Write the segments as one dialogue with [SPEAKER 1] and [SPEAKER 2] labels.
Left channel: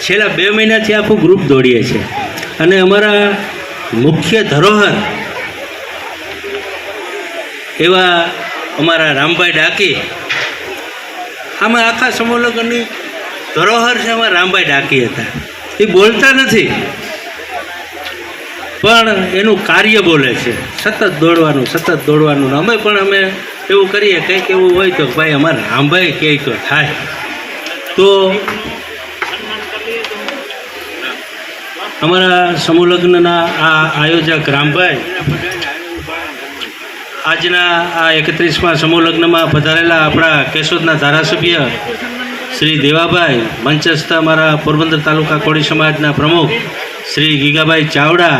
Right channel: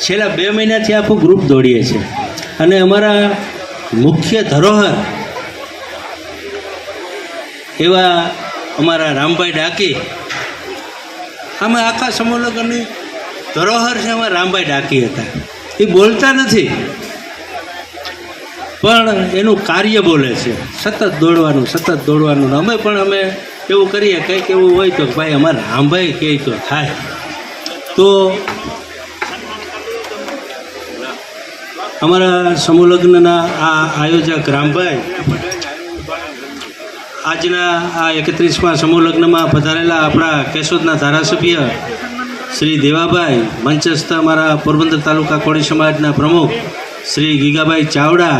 [SPEAKER 1] છેલ્લા બે મહિનાથી આખું ગ્રુપ દોડીએ છીએ. અને અમારા મુખ્ય ધરોહર એવા અમારા રામભાઈ ડાકી. અમે આખા સમૂહલગ્નની ધરોહર છે એમાં રામભાઈ ડાકી હતા. એ બોલતા નથી. પણ એનું કાર્ય બોલે છે. સતત દોડવાનું સતત દોડવાનું. અમે પણ અમે એવું કરીએ, કંઈક એવું હોય તો ભાઈ અમારે રામભાઈ તો થાય. તો અમારા સમૂહલગ્નના આ આયોજક રામભાઈ આજના આ એકત્રીસમાં સમૂહલગ્નમાં પધારેલા આપણા કેશોદના ધારાસભ્ય શ્રી દેવાભાઈ મંચસ્થ અમારા પોરબંદર તાલુકા કોળી સમાજના પ્રમુખ શ્રી ગીગાભાઈ ચાવડા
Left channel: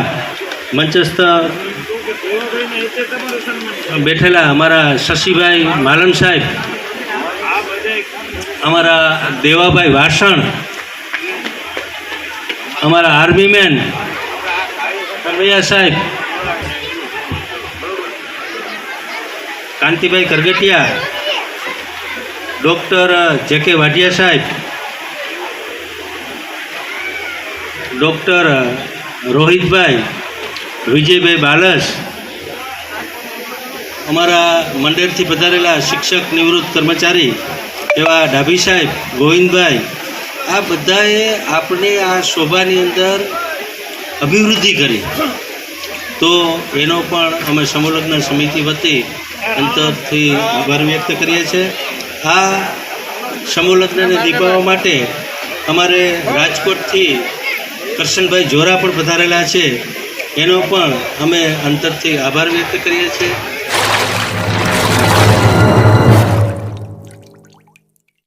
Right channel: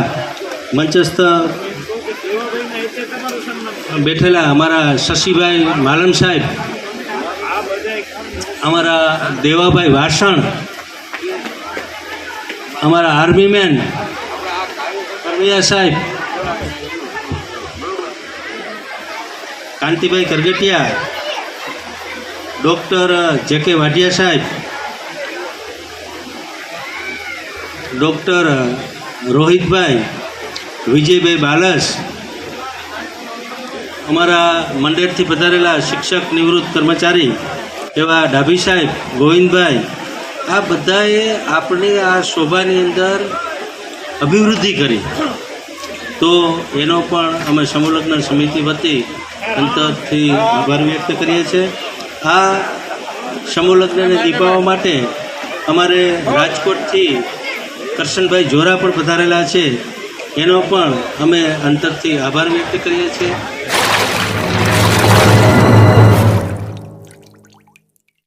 [SPEAKER 1] મંચસ્થ બેઠેલા અમારા શશીભાઈ માલમ સાહેબ, અમારા દેવાભાઈ વાસણ અમારા આર્મી મેન કરવૈયા સાહેબ, કાંતિભાઈ કરગટિયા ડૉક્ટર જે કે વાઢિયા સાહેબ, ડૉક્ટર રોહિતભાઈ, વિજયભાઈ બાલસ, અમારા મંડેરથી પધારેલા શિક્ષક નિવૃત્ત કર્મચારી એવા ડાભી સાહેબ, ગોવિંદભાઈ આ બધાએ આપણે આ શોભાની અંદર અભિવૃદ્ધિ કરી. તો એનો પણ અમે સંલગ્ન સમિતિ વતી અંતરથી આભાર વ્યક્ત કરીએ છીએ. આ સમૂહલગ્નને દીપાવવા માટે અમારે રાજકોટથી કરશનભાઈ જોરા પણ પધારેલા છે. એનો પણ અમે અંતરથી આભાર વ્યક્ત કરીએ છીએ.